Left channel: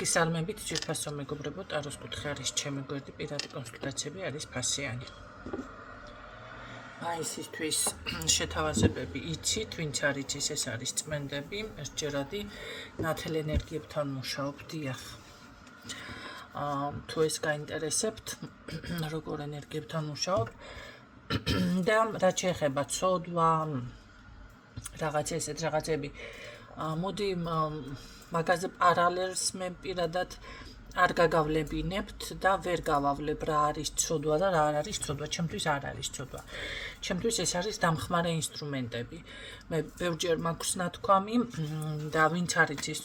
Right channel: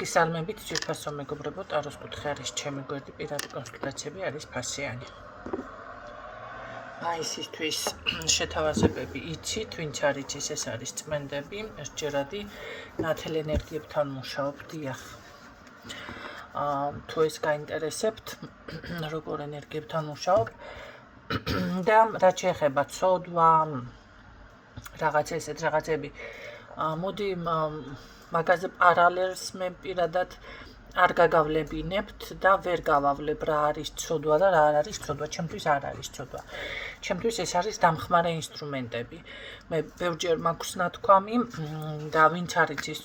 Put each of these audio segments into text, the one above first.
გისალმებით ძვირფასო მეგობრებო, ტაროს კუთხე არის ჩემი გვერდი, პირადი კონსულტაციები არის ფასიანი. მაისისთვის შეთავაზებები იცით, ვინც არ იცის, ეს არის წმენდები, ერთჯერადი ნათელ ენერგიებთან მუშაობ, დიახ. თუ ეს გაინტერესებთ, როგორ ენერგიებთან მუშაობ და რაც შეეხება ცოდვა, რაღაცები, მოდი მაგაზე პარალელს მე პირადად არ გაგავლებინებთ და ვერ გავავლებ რა არის ცოდვა და რა არ არის ცოდვა. ჩემთვის არ არის ცოდვა. ჩემთვის ეს არის დამხმარე ინსტრუმენტები. მე ბევრჯერ მაქვს ნათქვამი და ვინც არ იცის,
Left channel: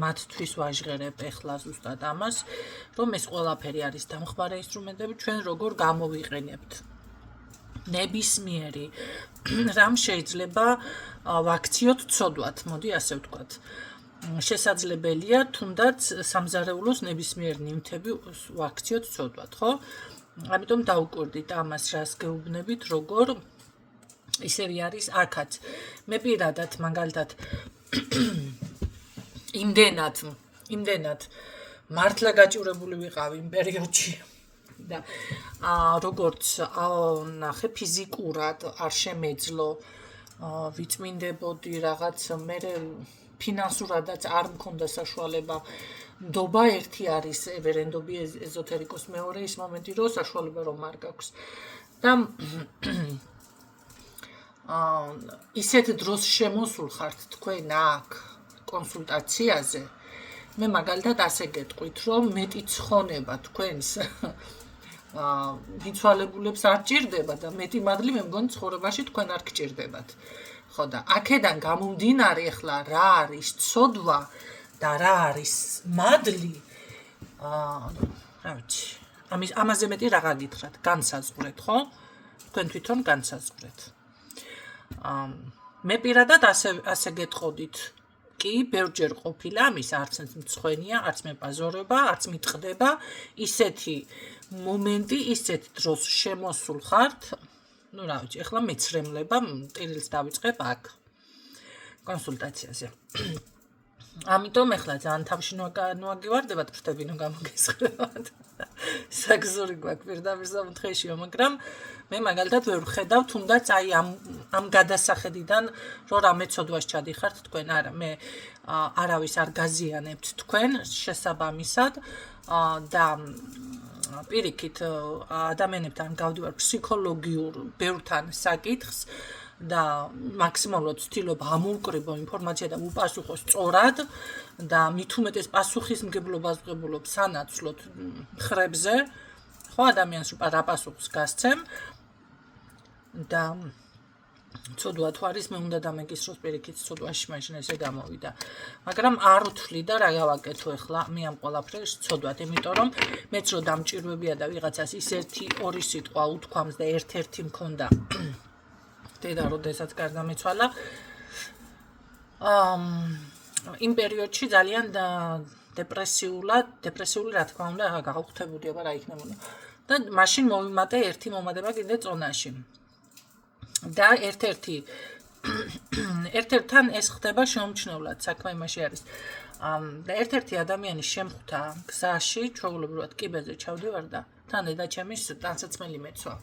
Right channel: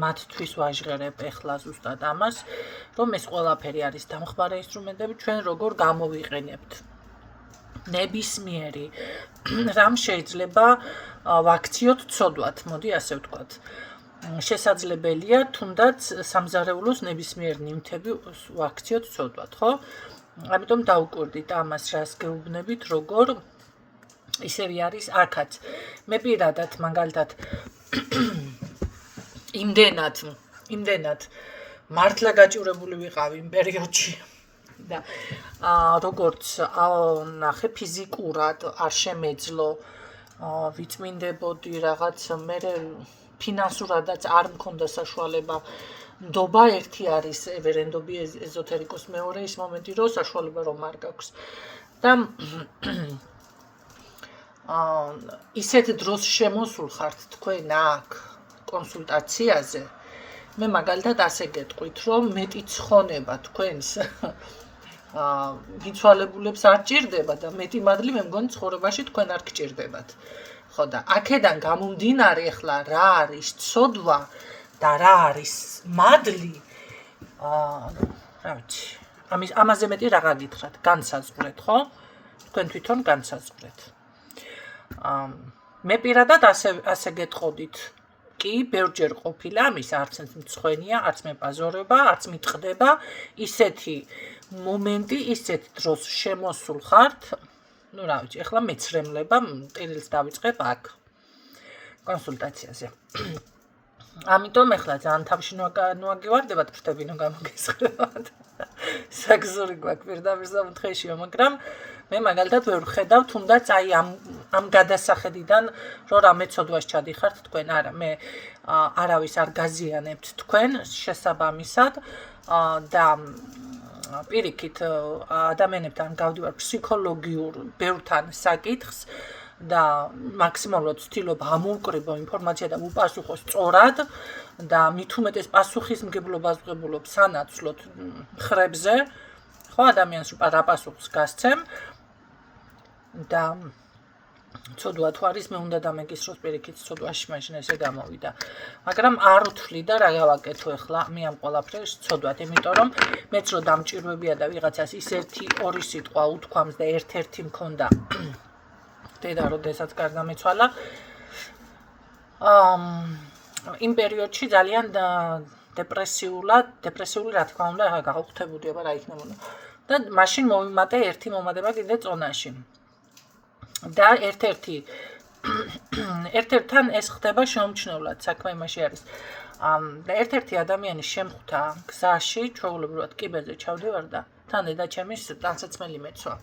მათთვის ვაჟღერებ ეხლა ზუსტად ამას, რომ ეს ყველაფერი არის დამხმარე ინსტრუმენტები, ჩვენ როგორ გამოვიყენებთ. ნებისმიერი რამ შეიძლება ვაქციოთ ცოდვათ, მოდი ასე ვთქვათ. შესაძლებელია თუნდაც სამზარეულოს ნებისმიერ ნივთები ვაქციოთ ცოდვათ, ხო? ამიტომ დავუკვირდით ამას, რას გეუბნებით, როგორ ისევი არის აქაც. მე პირადად მაგალითად იმდენად მართლა გაჭირებული ვიყავი იმ პერიოდში და როგორც ნახე ფიზიკურად არ შემეძლო ვიწმინდებოდი რაღაც მე ფინანსურადაც არ მქონდა საშუალება. ნდობა ერთი არის ვერენდობი ეზოთერიკოს, მეორე ის მომენტი რომ საშუალება რომ არ გაქვს. და ისეთ დროს შემოსულ ხართ თქვენ აქ კონსულტაციაზე. მე მაგალითად ასე გეტყვით, რომ მეტი ცხონება თქვენს მიცვალებულებს არ ჭირდება და მეტი მადლი მე მგონი ცხოვრებაში თქვენ არ გჭირდებათ. ხო და აქედან გამომდინარე ახლა რა არის ცოდვა და რა არის მადლი, რა ვიცი, ამაზე მეტი რა გაგითხრათ, განსაზღვრეთ, ხო? თქვენ თვითონ განსაზღვრეთ. მე პირადად ასე გეტყოდით. კი, ბევრჯერ ყოფილა ამის, არც მწხვენია, არც მე პაზორება, არც მიტყდება, ისეთი მომენტი, ისეთ დროს შემოსულ ხართ. Ну, რა ვიცი, ახლა მეცრემლება ტირილს დავიწყებ აქ კონსულტაციაზე. ამიტომ ახლა ძალიან თავში ნუაგივარდებათ, ფრთებინო გამოგესხებათ. საგზური გვაქვს პირდაპირ სამთხეშიო, მაგრამ მე მაგალითად ვერ ვხედავ თუნდაც აი ამ გადასახედიდან, რომ რამე ცოდვას ჩადიხართ თქვენ, არა, მე არავის არ გაზიანებთ თქვენ შესაბამისად და პირიქით ადამიანებთან გავდივარ ფსიქოლოგიურ ბევრთან საკითხს და მაქსიმალურად ვცდილობ ამოვკრიბო ინფორმაცია და უპასუხო სწორად და მით უმეტეს პასუხისმგებლობას ვღებულობ სანაცვლოდ ხრებზე, ხო, ადამიანს რა პასუხს გასცემ და ცოდვა თუ არის, მე უნდა დამეგისროს პირიქით ცოდვაში მაშინ ესე გამოვიდა. მაგრამ არ ვთვლი და რა გავაკეთო ახლა მე ამ ყველაფერს ცოდვად, იმიტომ რომ მეც რო დამჭირვებია და ვიღაცას ის 1-2 სიტყვა უთქვამს და ერთ-ერთი მქონდა დედა როდესაც გარდამეცვალა. იმ პერიოდში ძალიან დეპრესიული რა თქმა უნდა გავხვდებოდი, აბა რა იქნებოდა. და მაშინ მოვიმატე ერთი მომადება კიდე წონაში. და ერთ-ერთთან ეს ხდება შეუმჩნევლად, საქმე იმაში არის. და ერთ-ერთი ადამიანი შემხვდა გზაში, ჩვეულებრივად კიბეზე ჩავდივარ და თან დედა ჩემის ტანსაცმელი მეცვა.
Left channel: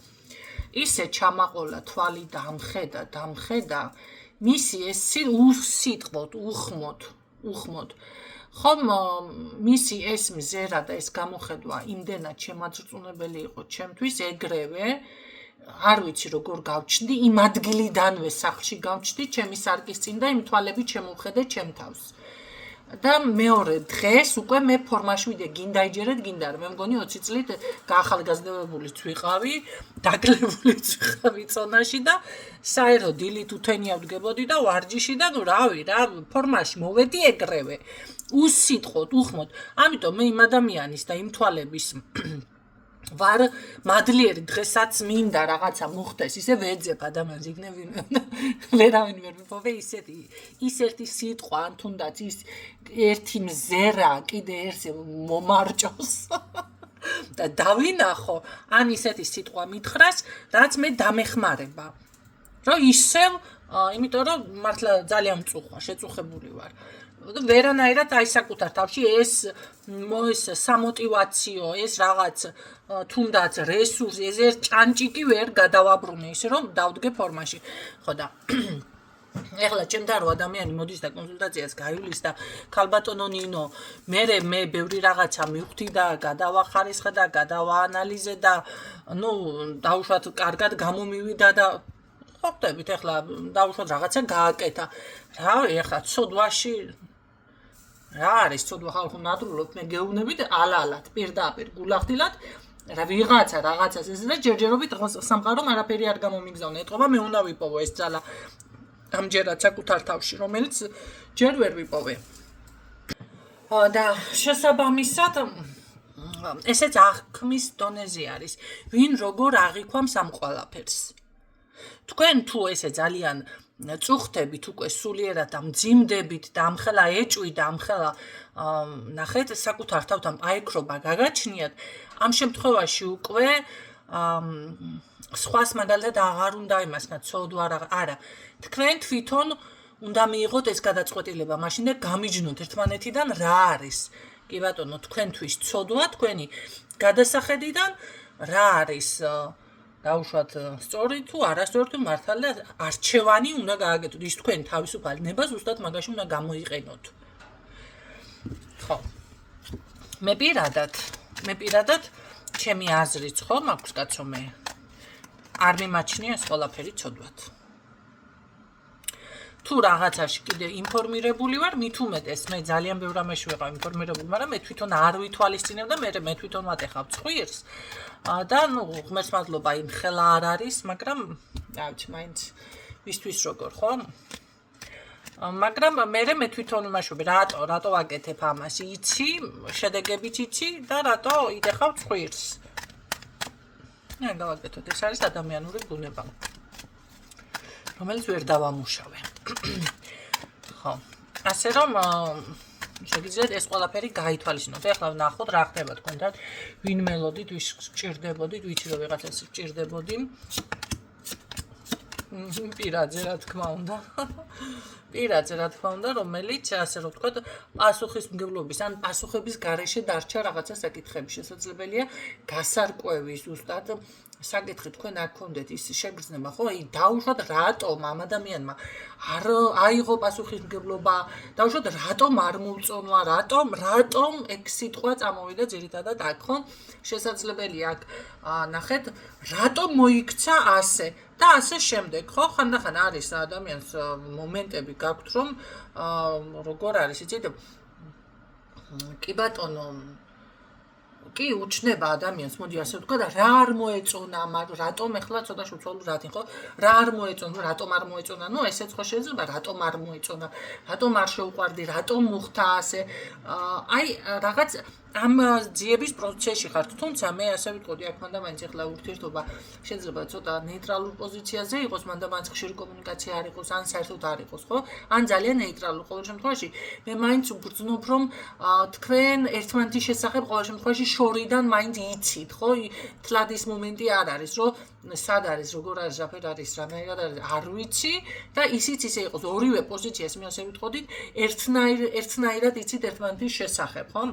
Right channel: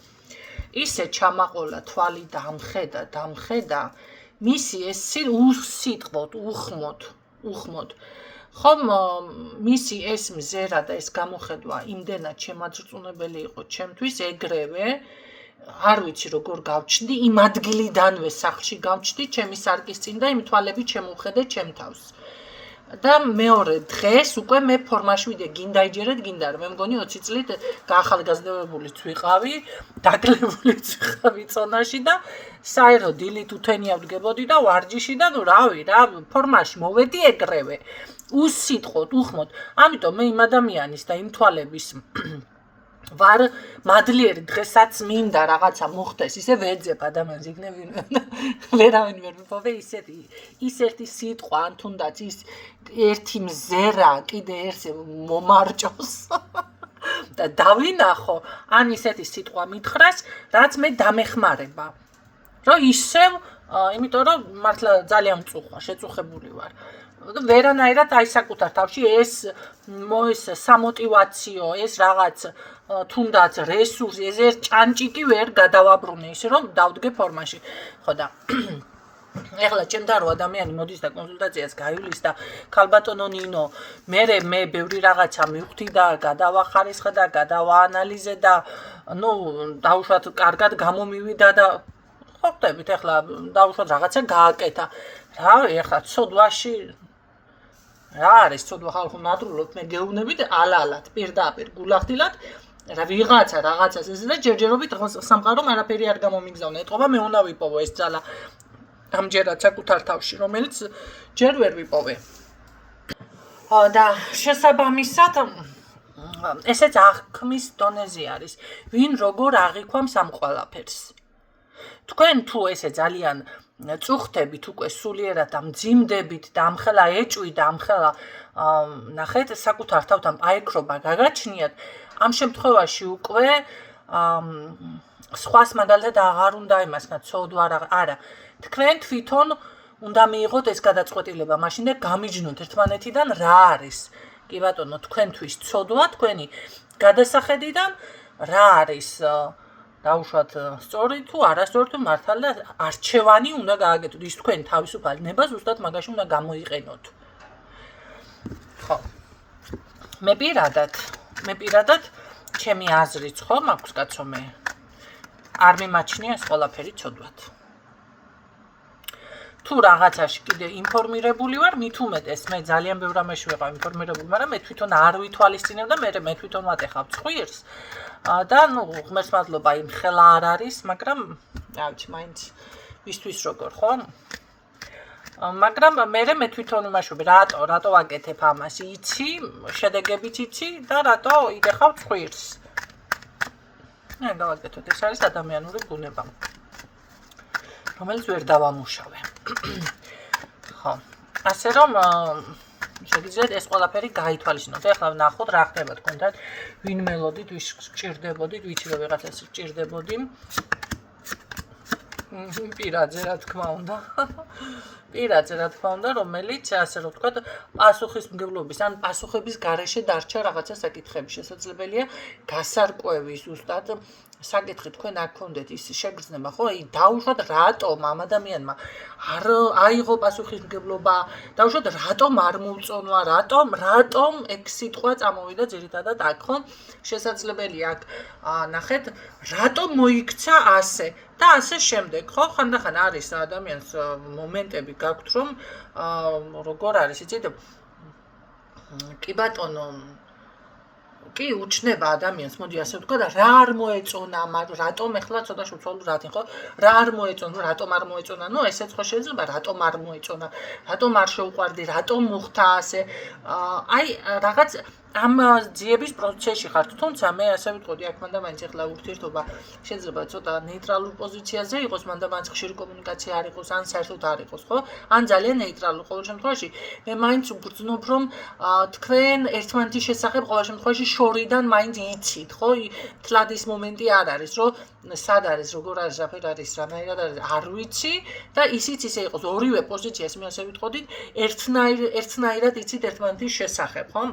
ისე ჩამაყოლა თვალი დამხედა, მისი ეს უსიტყვოდ, უხმოდ. ხომ მისი ეს მზერა და ეს გამოხედვა იმდენად შემაძრწუნებელი იყო ჩემთვის ეგრევე, არ ვიცი როგორ გავჩნდი, იმ ადგილიდანვე სახლში გავჩნდი, ჩემი სარკის წინ და იმ თვალებით შემოვხედე ჩემ თავს. და მეორე დღეს უკვე მე ფორმაში ვიდე, გინდა იჯერეთ, გინდა რა. მე მგონი 20 წლით გაახალგაზრდებულიც ვიყავი, დაგლებულიც ვიყავი წონაში და საერო დილით უთენია ვდგებოდი და ვარჯიში და ნუ რავი რა, ფორმაში მოვედი ეგრევე. უსიტყვოდ, უხმოდ. ამიტომ მე იმ ადამიანის და იმ თვალების ვარ მადლიერი, დღესაც მინდა რაღაცა მოხდეს, ისე ვეძებ ადამიანს იქნები ვერავინ ვერ ვიპოვე ის ერთი სიტყვა, ან თუნდაც ის ერთი მზერა კიდე ერთზე მომარჭოს და დავინახო, ან ისეთი სიტყვა მითხრას, რაც მე დამეხმარება. რომ ისევ, იმიტომ რომ მართლა ძალიან მწუხვა, შეწუხებული ვარ. ვერანაირად აი საკუთარ თავში ეს სამოტივაციო, ეს რაღაც თუნდაც რესურსი, ეს ერთ ჭანჭიკი ვერ გადავაბრუნე ისე რომ დავდგე ფორმაში. ხო და ეხლა ჩემთან რო ადამიანი მოდის და კონსულტაციას გაივლის და ქალბატონო ნინო, მე ბევრი რაღაცა მივხვდი და გადავახარისხე და გადავაანალიზე და ნუ დაუშვათ კარგად გამომივიდა და ხო ხდებით ეხლა დაუშვათ რაღაცა გააკეთა. რა ეხლა ცოდვაში რა არის ცოდვა ხალხო ნადრულობთ მე გეუბნებით ალალად პირდაპირ გულახდილად რა ვიღაცა რაღაცას ეს და ჯერჯერობით სამყარომ არაფერი არ გამომიგზავნა. ეთყობა მე უნდა ვიპოვო ეს ძალა ამჯერად საკუთარ თავში, რომელიც ჯერ ვერ ვიპოვე. და შესაბამისად ესეც აღქმის დონეზე არის. ვინ როგორ აღიქვამს ამ ყველაფერს. თქვენ თუ ესე ძალიან წუხდებით უკვე სულიერად და მძიმდებით და ამხელა ეჭვი და ამხელა ნახეთ საკუთარ თავთან აიქრობა გაგაჩნიათ, ამ შემთხვევაში უკვე სხვას მაგალითად აღარ უნდა იმასგან ცოდვა არა. თქვენ თვითონ უნდა მიიღოთ ეს გადაწყვეტილება მაშინ და გამიჯნოთ ერთმანეთიდან რა არის. კი ბატონო, თქვენთვის ცოდვა, თქვენი გადასახედიდან რა არის დაუშვათ სწორი თუ არასწორი თუ მართალი და არჩევანი უნდა გააკეთოთ. ის თქვენ თავისუფალი ნება ზუსტად მაგაში უნდა გამოიყენოთ. ხო. მე პირადად ჩემი აზრიც ხო მაქვს კაცო მე არ მიმაჩნია ეს ყველაფერი ცოდვად. თუ რაღაცაში კიდე ინფორმირებული ვარ, მით უმეტეს მე ძალიან ბევრ რამეში ვიყავ ინფორმირებული, მაგრამ მე თვითონ არ ვითვალისწინებ და მე თვითონ ვატეხავ ცხვირს. და ნუ ღმერთს მადლობა იმ ხელა არ არის, მაგრამ რა ვიცი, მაინც ვისთვის როგორ ხო? მაგრამ მე თვითონ ვიმაშვები, რატო ვაკეთებ ამას, იცი, შედეგებიც იცი და რატო იდეხავ ცხვირს. ნე გავაკეთოთ, ეს არის ადამიანური ბუნება. რომელიც ვერ დავამუშავე. ხო. ასე რომ შეგიძლიათ ეს ყველაფერი გაითვალისწინოთ. ეხლა ვნახოთ რა ხდება თქვენთან, ვინ მელოდით, ვის გჭირდებოდით, ვიცი რომ ვიღაცას გჭირდებოდი. პირადზე რა თქმა უნდა, რომელიც ასე რომ ვთქვათ, პასუხისმგებლობის ან პასუხების გარეშე დარჩა რაღაცა საკითხები. შესაძლებელია გასარკვევი ზუსტად საკითხი თქვენ არ გქონდეთ ის შეგრძნება, ხო? აი დაუშვათ რატომ ამ ადამიანმა არ აიღო პასუხისმგებლობა, დაუშვათ რატომ არ მოუწონვა, რატომ ეგ სიტყვა წამოვიდა ძირითადად აქ, ხო? შესაძლებელია აქ ნახეთ, რატომ მოიქცა ასე და ასე შემდეგ, ხო? ხანდახან არის ადამიანს მომენტები გაქვთ, რომ როგორ არის, იცით? კი ბატონო კი უჩნდება ადამიანს, მოდი ასე ვთქვა და რა არ მოეწონა, რატომ ეხლა ცოტა შევცვალო რათი, ხო? რა არ მოეწონა, რატომ არ მოეწონა? ნუ ესეც ხო შეიძლება, რატომ არ მოეწონა, რატომ არ შეუყვარდი, რატომ მოხდა ასე? აი რაღაც ამ ძიების პროცესში ხართ, თუმცა მე ასე ვიტყოდი, აქ მანდამაინც ეხლა ურთიერთობა შეიძლება ცოტა ნეიტრალურ პოზიციაზე იყოს, მანდამაინც ხშირი კომუნიკაცია არ იყოს, ან საერთოდ არ იყოს, ხო? ან ძალიან ნეიტრალურ. ყოველ შემთხვევაში მე მაინც ვგრძნობ, რომ თქვენ ერთმანეთის შესახებ ყოველ შემთხვევაში შორიდან მაინც იცით, ხო? თლად ის მომენტი არ არის, რომ სად არის, როგორ არის, რაფერ არის, რანაირად არის, არ ვიცი და ისიც ისე იყოს, ორივე პოზიციას მე ასე ვიტყოდით, ერთნაირად იცით ერთმანეთის შესახებ, ხო?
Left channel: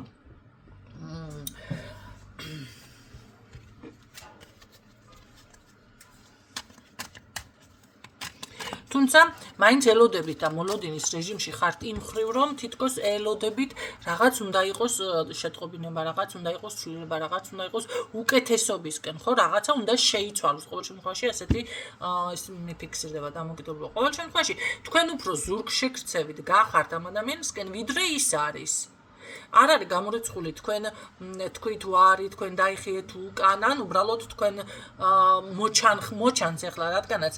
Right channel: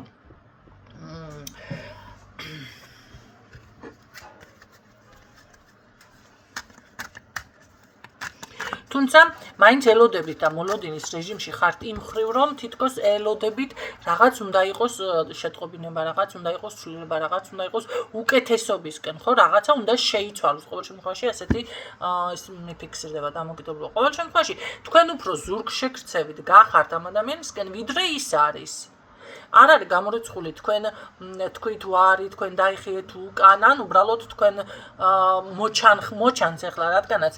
თუმცა მაინც ელოდებით და მოლოდინის რეჟიმში ხართ იმ ხრივ, რომ თითქოს ელოდებით რაღაც უნდა იყოს შეტყობინება, რაღაც უნდა იყოს ცვლილება, რაღაც უნდა იყოს უკეთესობისკენ, ხო? რაღაცა უნდა შეიცვალოს. ყოველ შემთხვევაში ასეთი ის მიფიქსირდება დამოკიდებლობა. ყოველ შემთხვევაში თქვენ უფრო ზურგშექცევით გახართ ამ ადამიანისკენ, ვიდრე ის არის. არ არის გამორიცხული თქვენ თქვით ვარი, თქვენ დაიხიეთ უკან, ან უბრალოდ თქვენ მოჩანს ეხლა რადგანაც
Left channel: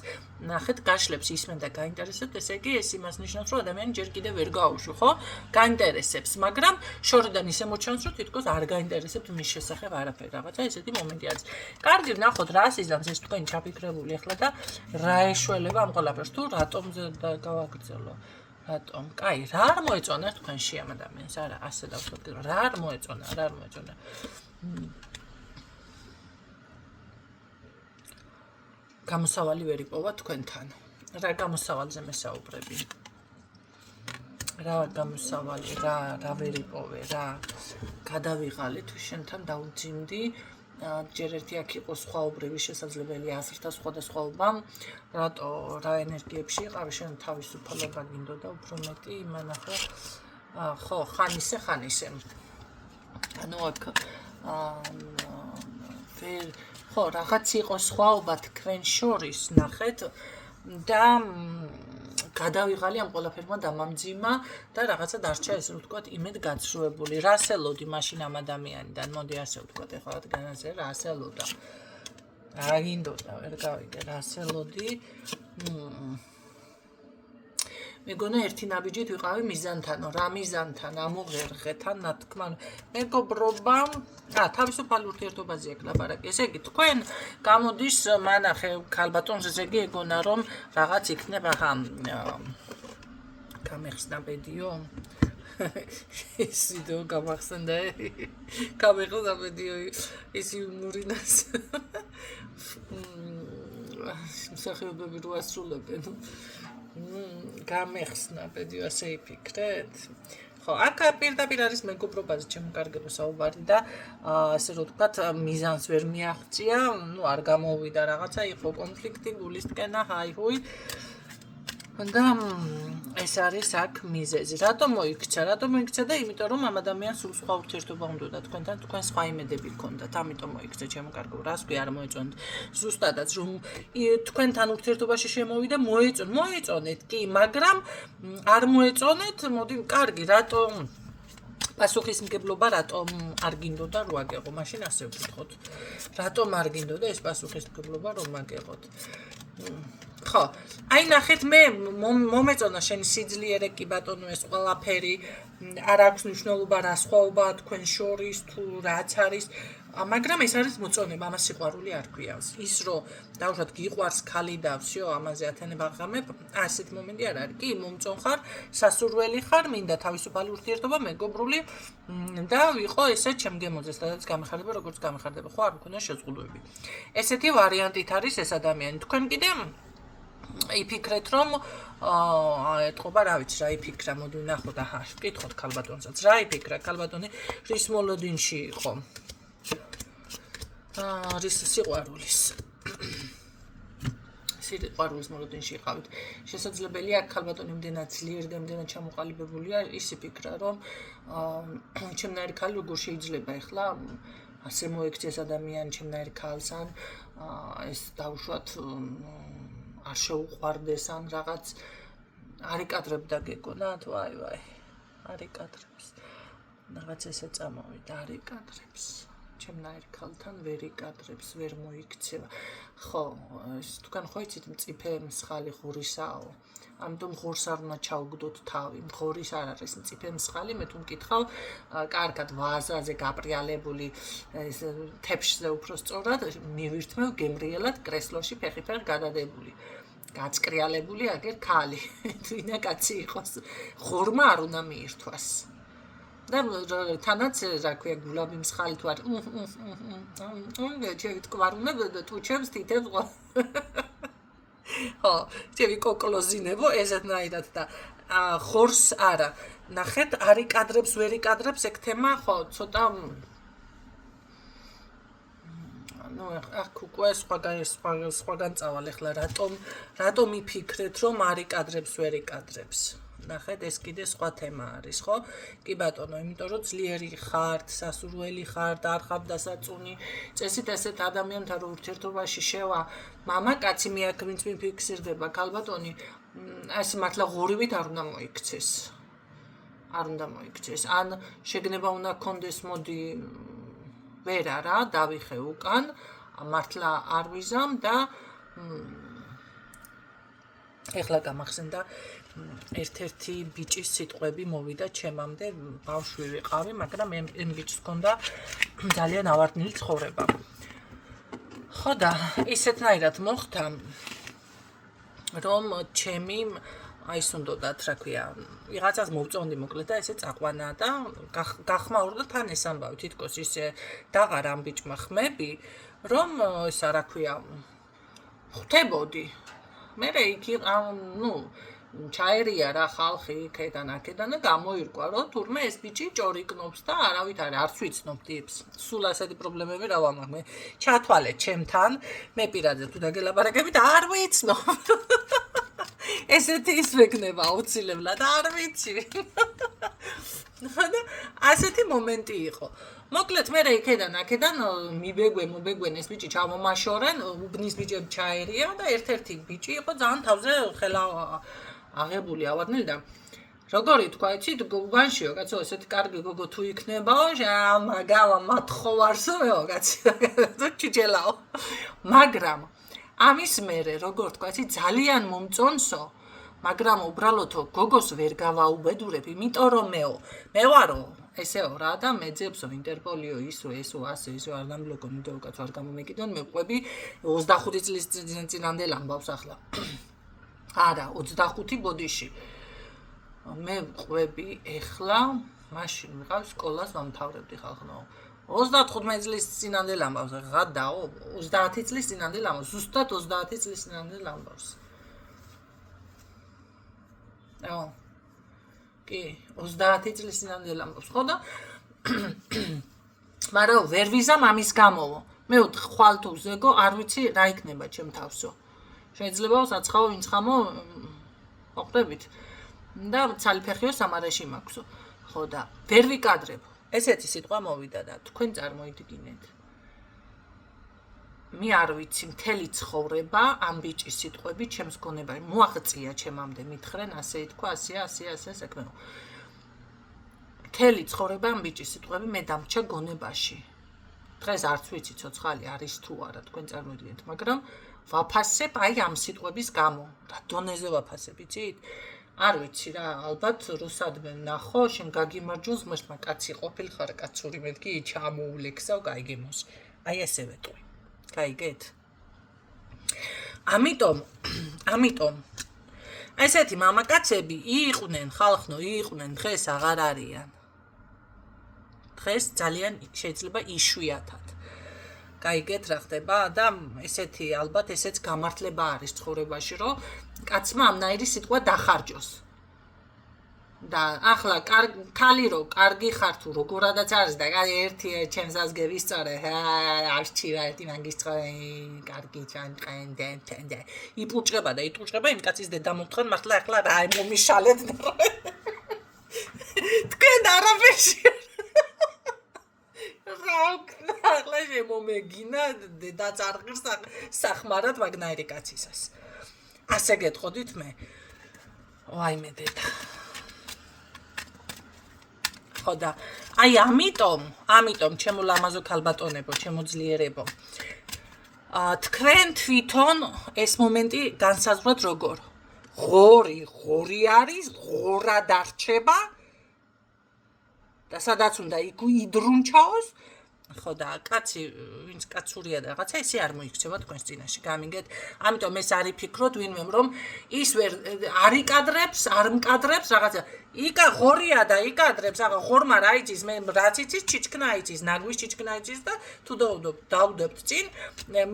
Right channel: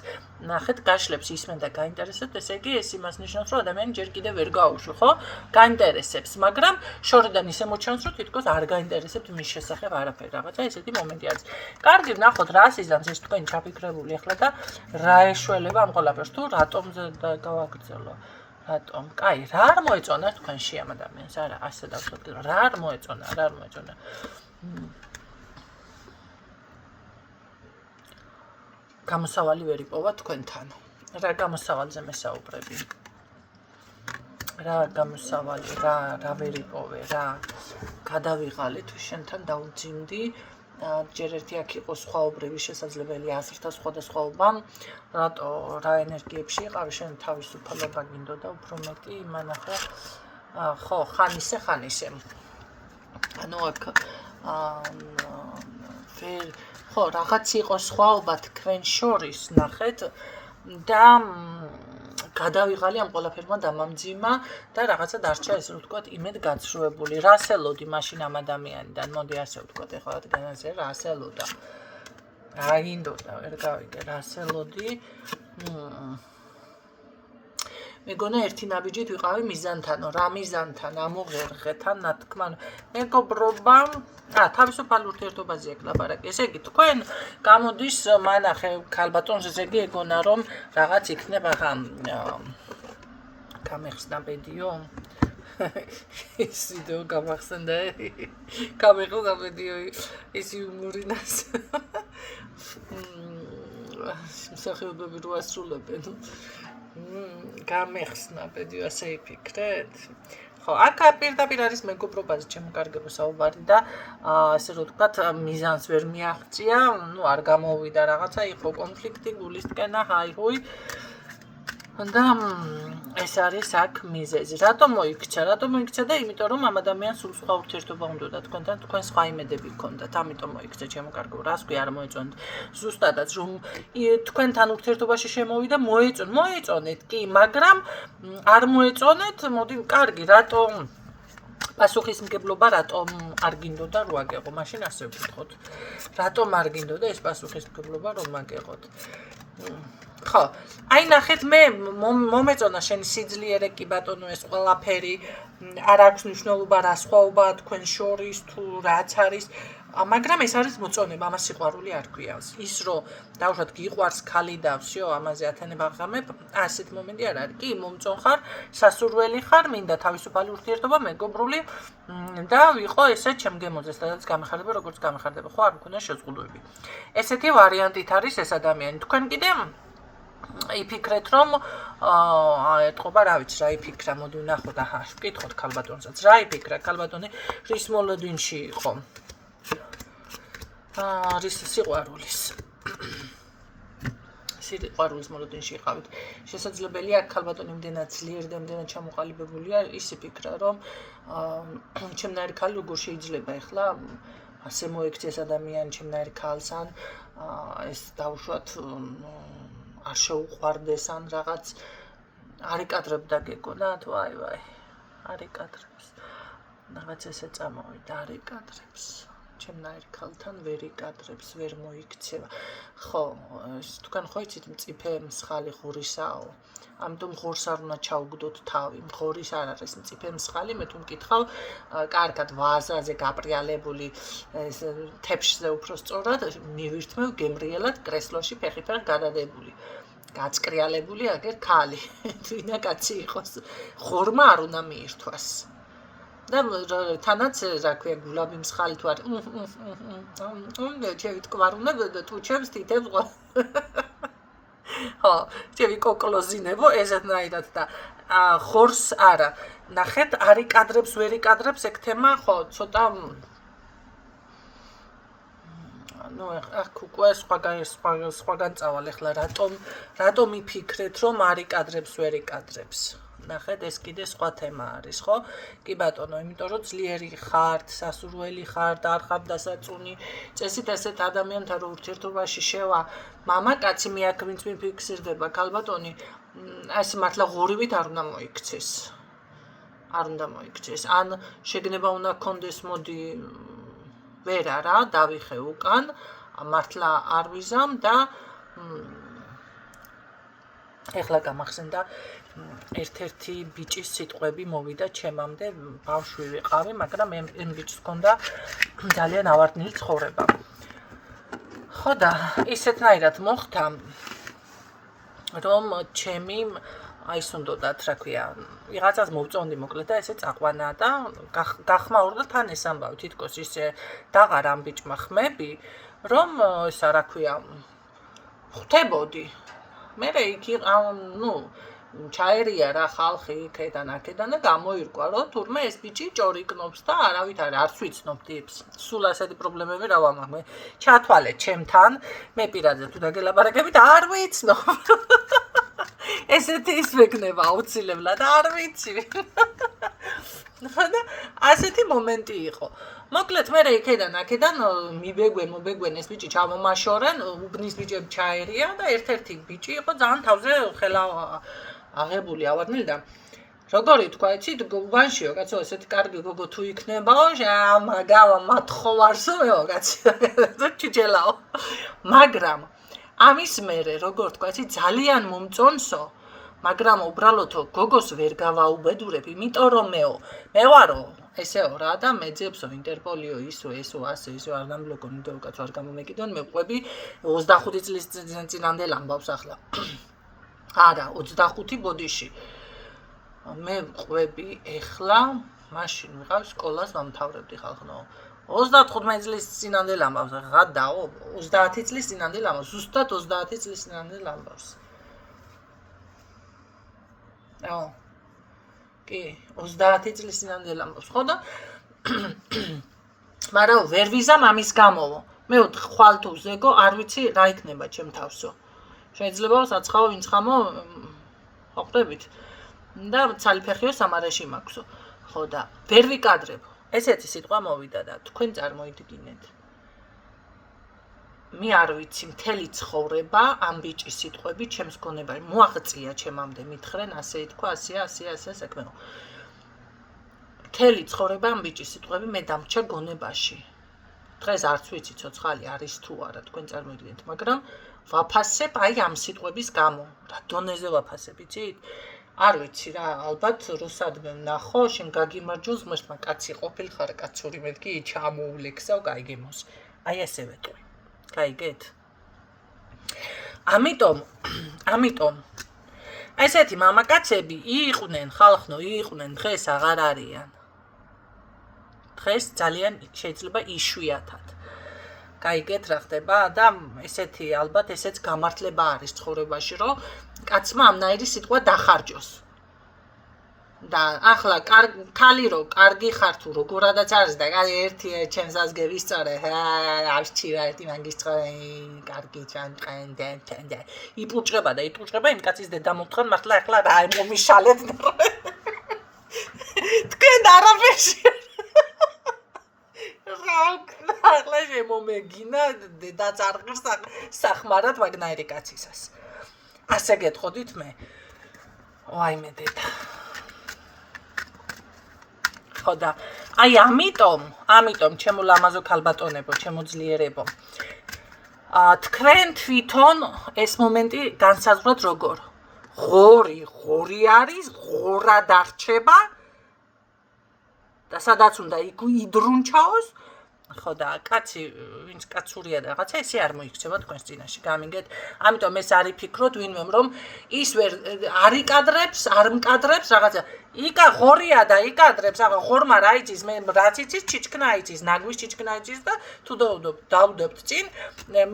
ნახეთ გაშლებს ისმენ და გაინტერესებთ, ესე იგი ეს იმას ნიშნავს, რომ ადამიანი ჯერ კიდევ ვერ გაუშვი, ხო? გაინტერესებს, მაგრამ შორიდან ისე მოჩანს, რომ თითქოს არ გაინტერესებთ მის შესახებ არაფერი, რაღაცა ესეთი მომენტი არის. კარგი, ვნახოთ რა სიზამს ეს თქვენ ჩაფიქრებული ახლა და რა ეშველება ამ ყველაფერს, თუ რატომზე გავაგრძელო. რატომ? კაი, რა არ მოეწონა თქვენში ამ ადამიანს? არა, ასე დავთქვათ, რა არ მოეწონა. გამოსავალი ვერ იპოვა თქვენთან. რა გამოსავალზე მესაუბრები? რა გამოსავალი, რა ვერ იპოვე, რა გადავიღალე თუ შენთან დავძიმდი, ჯერ ერთი აქ იყო სხვაობრივი შესაძლებელი აზრთა სხვადასხვაობა, რატო რა ენერგიებში იყავი, შენ თავისუფლება გინდოდა უფრო მეტი, იმანახო, ხო, ხან ისე. ანუ აქ ხო, რაღაც იყო სხვაობა თქვენ შორის, ნახეთ და გადავიღალი ამ ყველაფერმა დამამძიმა და რაღაცა დარჩა ესე ვთქვათ იმედგაცრუებული. რას ელოდი მაშინ ამ ადამიანიდან? მოდი ასე ვთქვათ, ეხლა რადგანაც რას ელოდა? რა გინდოდა, ვერ გავიგე, რას ელოდი? მეგონა ერთი ნაბიჯით ვიყავი მიზანთანო, რა მიზანთან, ამოღერღეთან, ნათქმა, მეგობრობა, თავისუფალ ურთიერთობაზე აქ ლაპარაკი. ესე იგი, თქვენ გამოდის, მანახე, ქალბატონს ზეგი ეგონა, რომ რაღაც იქნება გამეხსნა ბედიო. ეს ვიდეო გამახსენდა, გამეხსნა ბედიო, ის იუმორინას. მსახიობები რო ასრულებენ. გამეხსნა ბედიო, ასე იფიქრეთ? ხო, აქ პირდაპირ არის მეგობრობაზე ჩემკარგება საუბარი და ასე რომ ვთქვათ, მიზანს ვერ მიაღწია, ნუ არ გამოვიდა რაღაცა, იყო კონფლიქტი, გულისტკენა, ჰაი-ჰუი. და ეს არის აქ მიზეზი. რატომ მოიქცა და იმიტომ რომ ამ ადამიანს სულ სხვა ურთიერთობა უნდოდა თქვენთან, თქვენ სხვა იმედები გქონდათ, ამიტომ მოიქცა ჩემკარგება. რას ქვია, არ მოეწონთ. ზუსტადაც რომ თქვენთან ურთიერთობაში შემოვიდა, მოეწონეთ კი, მაგრამ არ მოეწონეთ, მოდი, კარგი, რატომ პასუხისმგებლობა რატომ არ გინდოდა რომ აგეღო? მაშინ ასე ვკითხოთ. რატომ არ გინდოდა ეს პასუხისმგებლობა რომ აგეღოთ? ხო, აი ნახეთ, მე მომეწონა შენ სიძლიერე კი ბატონო, ეს ყველაფერი არ აქვს მნიშვნელობა რა სხვაობაა თქვენ შორის თუ რაც არის, მაგრამ ეს არის მოწონება, ამას სიყვარული არ ქვია. ის რომ დავუშვათ გიყვარს ქალი და всё, ამაზე ათენება ღამებ, ასეთ მომენტი არ არის. კი, მომწონ ხარ, სასურველი ხარ, მინდა თავისუფალი ურთიერთობა, მეგობრული და ვიყო ესე ჩემგემოძე, სადაც გამეხარდება, როგორც გამეხარდება, ხო, არ მქონდა შეზღუდვები. ესეთი ვარიანტით არის ეს ადამიანი. თქვენ კიდე იფიქრეთ რომ ეთყობა რა ვიცი რა იფიქრა, მოდი ვნახოთ, ვკითხოთ ქალბატონსაც, რა იფიქრა ქალბატონი, რის მოლოდინში იყო? რის სიყვარულის მოლოდინში იყავით. შესაძლებელია ქალბატონი იმდენად ძლიერი და იმდენად ჩამოყალიბებულია, ის იფიქრა რომ ჩემნაირი ქალი როგორ შეიძლება ეხლა ასე მოექცეს ადამიანი ჩემნაირი ქალს, ან ეს დავუშვათ არ შეუყვარდეს, ან რაღაც არ იკადრებდა გეკონა თუ აი არ იკადრებს. რაღაც ესე წამოვიდა, არ იკადრებს. ჩემნაირ ქალთან ვერ იკადრებს, ვერ მოიქცევა. ხო, თქვენ ხო იცით მწიფე მსხალი ღორისაო. ამიტომ ღორს არ უნდა ჩაუგდოთ თავი. ღორის არ არის მწიფე მსხალი, მე თუ მკითხავ, კარგად ვაზაზე გაპრიალებული, ეს თეფშზე უფრო სწორად, მივირთმევ გემრიელად კრესლოში ფეხით გადადებული. გაწკრიალებული აგერ ქალი. თვითონ კაცი იყოს. ღორმა არ უნდა მიირთვას. და თანაც რა ქვია, გულაბი მსხალი თუ არ ჩემი თკვარუნებ და ტუჩებს თითებს ხო, ჩემი კოკლოზინებო ესეთნაირად და ხორს არა. ნახეთ, არ იკადრებს, ვერ იკადრებს ეგ თემა, ხო, ცოტა ნუ აქ უკვე სხვაგან წავალ ახლა რატომ იფიქრეთ რომ არ იკადრებს, ვერ იკადრებს? ნახეთ, ეს კიდე სხვა თემა არის, ხო? კი ბატონო, იმიტომ რომ ძლიერი ხართ, სასურველი ხართ, არ ხართ დასაწუნი, წესით ესეთ ადამიანთან რო ურთიერთობაში შევა, მამაკაცი მე აქ ვინც მიფიქსირდება, ქალბატონი, ეს მართლა ღორივით არ უნდა მოიქცეს. არ უნდა მოიქცეს. ან შეგნება უნდა გქონდეს, მოდი ვერ არა, დავიხე უკან, მართლა არ ვიზამ და ეხლა გამახსენდა ერთ-ერთი ბიჭის სიტყვები მოვიდა ჩემამდე, ბავშვი ვიყავი, მაგრამ ამ ბიჭს ჰქონდა ძალიან ავარდნილი ცხოვრება. ხო და ისეთნაირად მოხდა, რომ ჩემი ის უნდათ, რა ქვია, ვიღაცას მოვწონდი მოკლედ და ესე წაყვანა და გახმაურდა თან ეს ამბავი, თითქოს ისე დაღარ ამ ბიჭმა ხმები, რომ ისა რა ქვია, ხვდებოდი. მე იქ ნუ ჩაერია რა ხალხი იქედან აქედან და გამოირკვა რომ თურმე ეს ბიჭი ჭორიკნობს და არავით არც ვიცნობ ტიპს. სულ ასეთი პრობლემები რა ვამაყ მე. ჩათვალე ჩემთან, მე პირადად თუ დაგელაპარაკებით არ ვიცნობ. ესეთი ის მეკნება აუცილებლად არ ვიცი. და ასეთი მომენტი იყო. მოკლედ მე იქედან აქედან მობეგვენ ეს ბიჭი ჩამომაშორენ, უბნის ბიჭები ჩაერია და ერთ-ერთი ბიჭი იყო ძალიან თავზე ხელა აღებული ავარნილი და როგორი თქვა იცით გუბანშიო კაცო ესეთი კარგი გოგო თუ იქნებაო მაგავა მათხოვარსო კაცო ჩიჩელაო მაგრამ ამის მერე როგორ თქვა იცით ძალიან მომწონსო მაგრამ უბრალოდო გოგოს ვერ გავაუბედურებ იმიტომ რომ მე ვარო ესეო რა და მეძებსო ინტერპოლიო ისო ასე ისო არ დამბლოკონ იმიტომ კაცო არ გამომეკიდონ მე ვყვები 25 წლის წინანდელ ამბავს ახლა არა 25 ბოდიში მე ვყვები ეხლა მაშინ ვიყავ სკოლას ვამთავრებდი ხალხო 35 წლის წინანდელ ამბავს ღადაო 30 წლის წინანდელ ამბავს ზუსტად 30 წლის წინანდელ ამბავს კი 30 წლის წინანდელ ამბავს ხო და მაგრამ ვერ ვიზამ ამის გამოვო მე ხვალ თუ ზეგო არ ვიცი რა იქნება ჩემ თავსო შეიძლება საცხაო ვინც ხამო ხვდებით და ცალფეხიო სამარაში მაქვსო ხო და ვერ ვიკადრებ ესეთი სიტყვა მოვიდა და თქვენ წარმოიდგინეთ მე არ ვიცი მთელი ცხოვრება ამ ბიჭის სიტყვები ჩემს გონებაში მოაღწია ჩემამდე მითხრენ ასე ითქვა ასე საქმეო მთელი ცხოვრება ამ ბიჭის სიტყვები მე დამრჩა გონებაში დღეს არც ვიცი ცოცხალი არის თუ არა თქვენ წარმოიდგინეთ მაგრამ ვაფასებ აი ამ სიტყვების გამო რა დონეზე ვაფასებ იცით არ ვიცი რა ალბათ რუსადმე ვნახო შენ გაგიმარჯოს მაშტმა კაცი ყოფილხარ კაცური მეთქი ჩამოვლექსავ გაიგემოს აი ესე ვეტყვი გაიგეთ ამიტომ ესეთი მამაკაცები იყვნენ ხალხო იყვნენ დღეს აღარ არიან დღეს ძალიან შეიძლება იშვიათად გაიგეთ რა ხდება და ესეთი ალბათ ესეც გამართლება არის ცხოვრებაში რომ კაცმა ამნაირი სიტყვა დახარჯოს და ახლა ქალი რო კარგი ხარ თუ როგორადაც არის და ერთი ჩემს აზგე ვისწორე არჩივა ერთი მაგისტრე კარგი ჩანყენ იპუჭება იმ კაცის დედა მომთხან მართლა ახლა რა მომიშალეთ თქვენ არაფერში ახლა შემომეგინა დედაწარღირს სახმარად მაგნაირი კაცისას ასე გეტყოდით მე ვაიმე დედა ხო და აი ამიტომ ჩემო ლამაზო ქალბატონებო ჩემო ძლიერებო თქვენ თვითონ ეს მომენტი განსაზღვროთ როგორ ღორი არის ღორა დარჩება და სადაც უნდა იდრუნჩაოს ხო და კაცი ვინც კაცურია და რაღაცა ესე არ მოიქცევა თქვენს წინაშე გამიგეთ ამიტომ ეს არის ფიქროთ ვინმე რომ ის ვერ არ მკადრებს რაღაცა იკა ღორია და იკადრებს აღა ხორმა რა იცის მე რაც იცის ჩიჩქნა იცის ნაგვის ჩიჩქნა იცის და თუ დავუდებთ წინ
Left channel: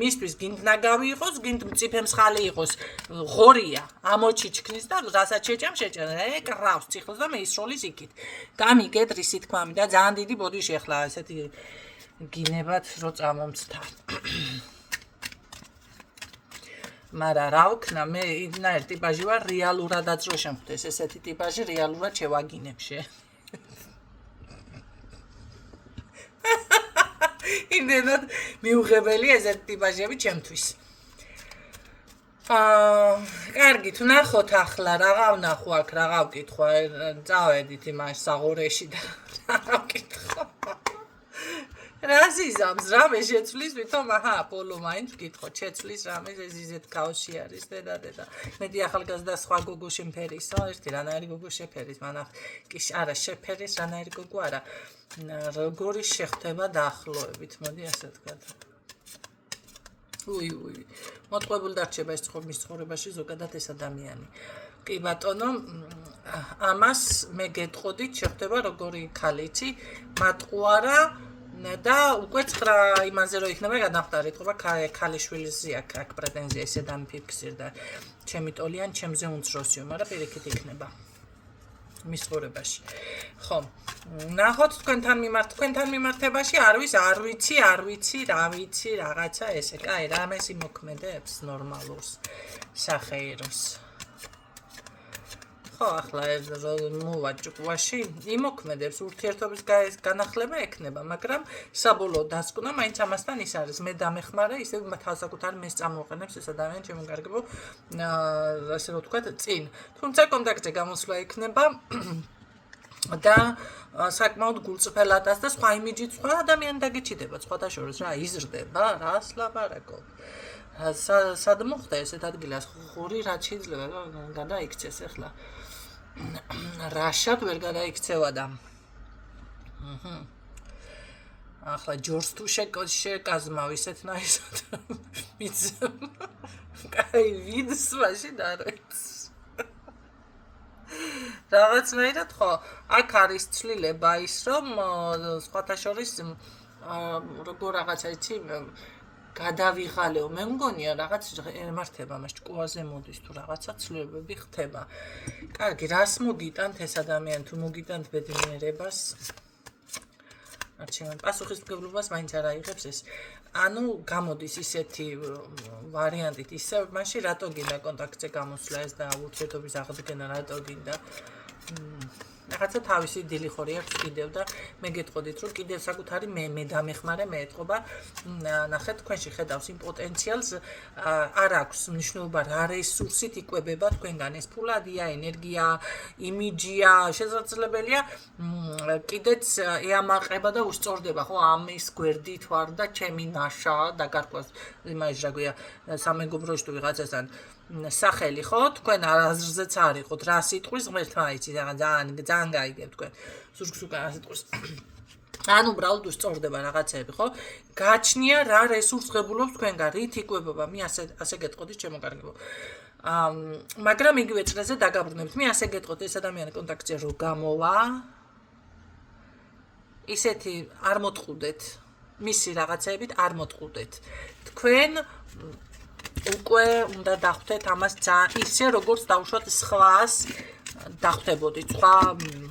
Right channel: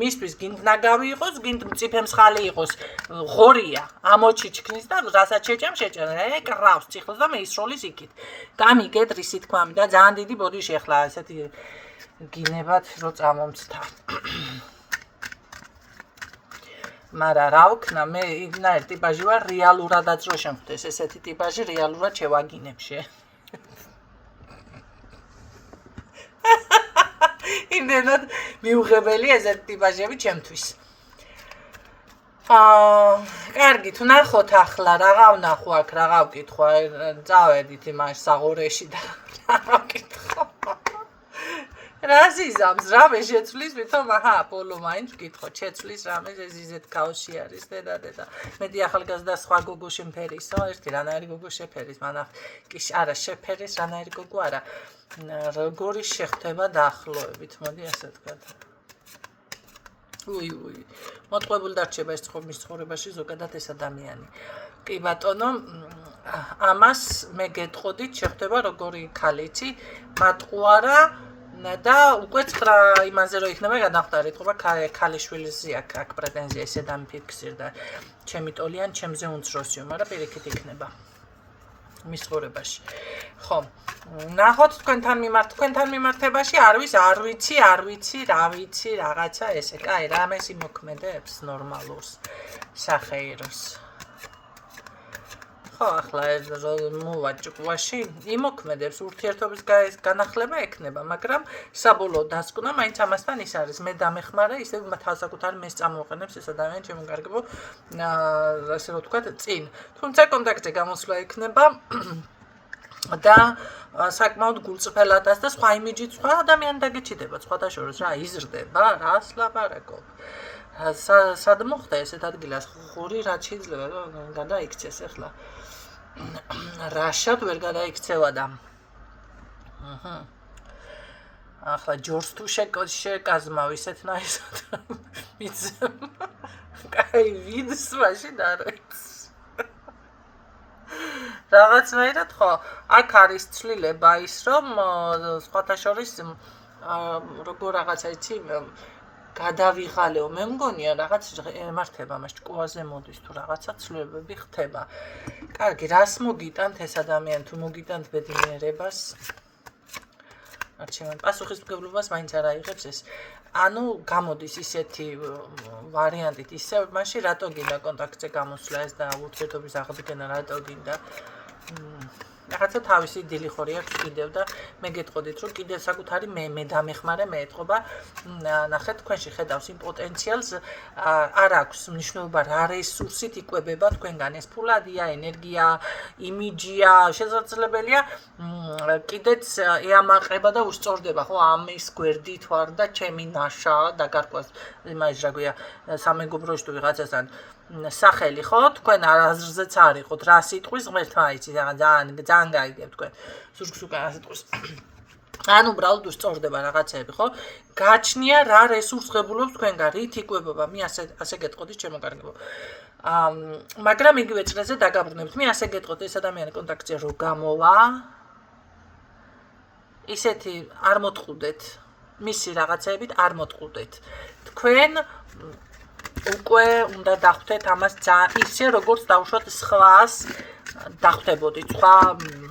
მისთვის გინდ ნაგავი იყოს გინდ მწიფემსხალი იყოს ღორია ამოჩიჩქნის და რასაც შეჭამ ეკრავს ციხლს და მე ისროლის იქით გამიგეთ რისი თქმამი და ძალიან დიდი ბოდიში ახლა ესეთი გინებათ რო წამომცდა მარა რა ვქნა მე იმნაირ ტიპაჟი ვარ რეალურადაც რო შემხვდეს ესეთი ტიპაჟი რეალურად შევაგინებშე იმდენად მიუღებელი ესეთი ტიპაჟები ჩემთვის კარგი თუ ნახოთ ახლა რაღა ვნახო აქ რაღა ვკითხვა წავედით იმაში საღორეში და რაღა ვკითხო რასიზამს რამე შეცვლის ვითომ პოლო მაინც ვკითხო შეცვლის რამე ზიზეთ ქაოსი არის დედა მეტი ახალგაზრდა სხვა გოგო შემფერისო ერთი რანაირი გოგო შეფერის მანახ კი არა შეფერის რანაირი გოგო არა როგორი შეხვდება დაახლოებით მოდი ასე ვთქვათ მოტყუებული დარჩება ეს ცხოვრებაში ზოგადად ეს ადამიანი კი ბატონო ამას მე გეტყოდით შეხვდება როგორი ქალიცი მატყუარა და უკვე ცხრა იმაზე რომ იქნება გადახდარით, ხობა ქალიშვილზე აქ პრეტენზია ისე დამიფიქსირდა. ჩემი ტოლიან, ჩემზე უმცროსიო, მაგრამ პირიქით იქნება. მის ხორებაში. ხო. ნახოთ თქვენთან მიმართებაში არ ვიცი, რა ვიცი, რაღაცა ესე. კაი, რამეს იმოქმედებს ნორმალურს, სახეიროს. ხო, ახლა მოვაჭყვაში იმოქმედებს ურთიერთობის განახლება ექნება, მაგრამ საბოლოო დასკვნა მაინც ამასთან ის არის. მე დამეხმარე, ისე თავსაკუთარი მეს წამოვყენებს ეს ადამიანი ჩემო კარგებო, ასე რომ ვთქვათ, წინ. თუმცა კონტაქტზე გამოსვლა იქნება და საკმაოდ გულწრფელადაც და სხვა იმიჯით სხვა ადამიანი დაგეჩიდება, სხვათა შორის რა იზრდება, რას ლაპარაკობ. სად მოხდა ესეთ ადგილას ხური რაც შეიძლება გადაიქცეს ახლა. რაშად ვერ გადაიქცევა და ახლა ჯორს თუ შეკაზმავ ისეთნაირად კაი ვიდს მაშინ არ ვიცი რაღაცნაირად ხო აქ არის ცვლილება ის რომ სხვათა შორის როგორ რაღაცა იცი გადავიღალეო მე მგონია რაღაც ემართება მას ჭკუაზე მოდის თუ რაღაცა ცვლილებები ხდება. კარგი, რას მოგიტანთ ეს ადამიანი თუ მოგიტანთ ბედნიერებას? არჩევან პასუხისმგებლობას მაინც არ აიღებს ეს. ანუ გამოდის ისეთი ვარიანტით ისე მაშინ რატო გინდა კონტაქტზე გამოსვლა ეს და ურთიერთობის აღდგენა რატო გინდა? რაღაცა თავისი დილი ხორი აქვს კიდევ და მე გეტყოდით რომ კიდევ საკუთარი მე დამეხმარე მე ეთყობა ნახეთ თქვენში ხედავს იმ პოტენციალს არ აქვს მნიშვნელობა რა რესურსით იკვებება თქვენგან ეს ფულადია ენერგია იმიჯია შესაძლებელია კიდეც ეამაყება და უსწორდება ხო ამის გვერდით ვარ და ჩემი ნაშა დაგარკვას იმაში რა გვია სამეგობროში თუ ვიღაცასთან სახელი ხო თქვენ აზრზეც არ იყოთ რა სიტყვის ღმერთმა იცი ძალიან გაიგებ თქვენ სურგს უკან სიტყვის ანუ უბრალოდ უსწორდება რაღაცები ხო გაჩნია რა რესურს ღებულობს თქვენგან რით იკვებება მე ასე გეტყოდით ჩემო კარგებო მაგრამ იგივე წრეზე დაგაბრუნებთ მე ასე გეტყოდით ეს ადამიანი კონტაქტზე რო გამოვა ისეთი არ მოტყუდეთ მისი რაღაცეებით არ მოტყუდეთ თქვენ უკვე უნდა დახვდეთ ამას ძალიან ისე როგორც დავუშვათ სხვას დახვდებოდით სხვა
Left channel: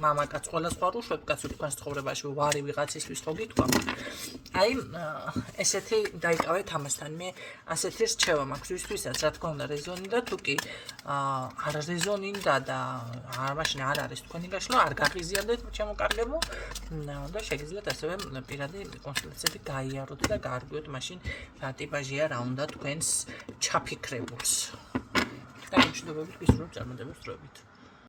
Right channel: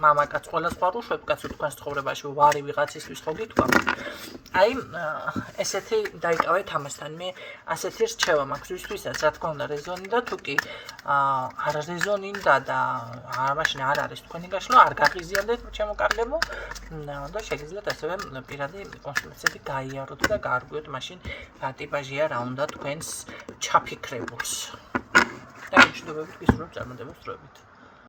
მამაკაც ყველა სხვა რუშვებკაც თქვენს ცხოვრებაში ვარი ვიღაცისთვის ხო გითქვა აი ესეთი დაიკავეთ ამასთან მე ასეთი რჩევა მაქვს ვისთვისაც რა თქმა უნდა რეზონინდა თუ კი არ რეზონინდა და მაშინ არ არის თქვენი გაშლა არ გაღიზიანდეთ ჩემო კარგებო და შეგიძლიათ ასევე პირადი კონსულტაციები გაიაროთ და გაარკვიოთ მაშინ რა ტიპაჟია რა უნდა თქვენს ჩაფიქრებულს და მშვიდობებით გისურვებთ წარმატებებს დროებით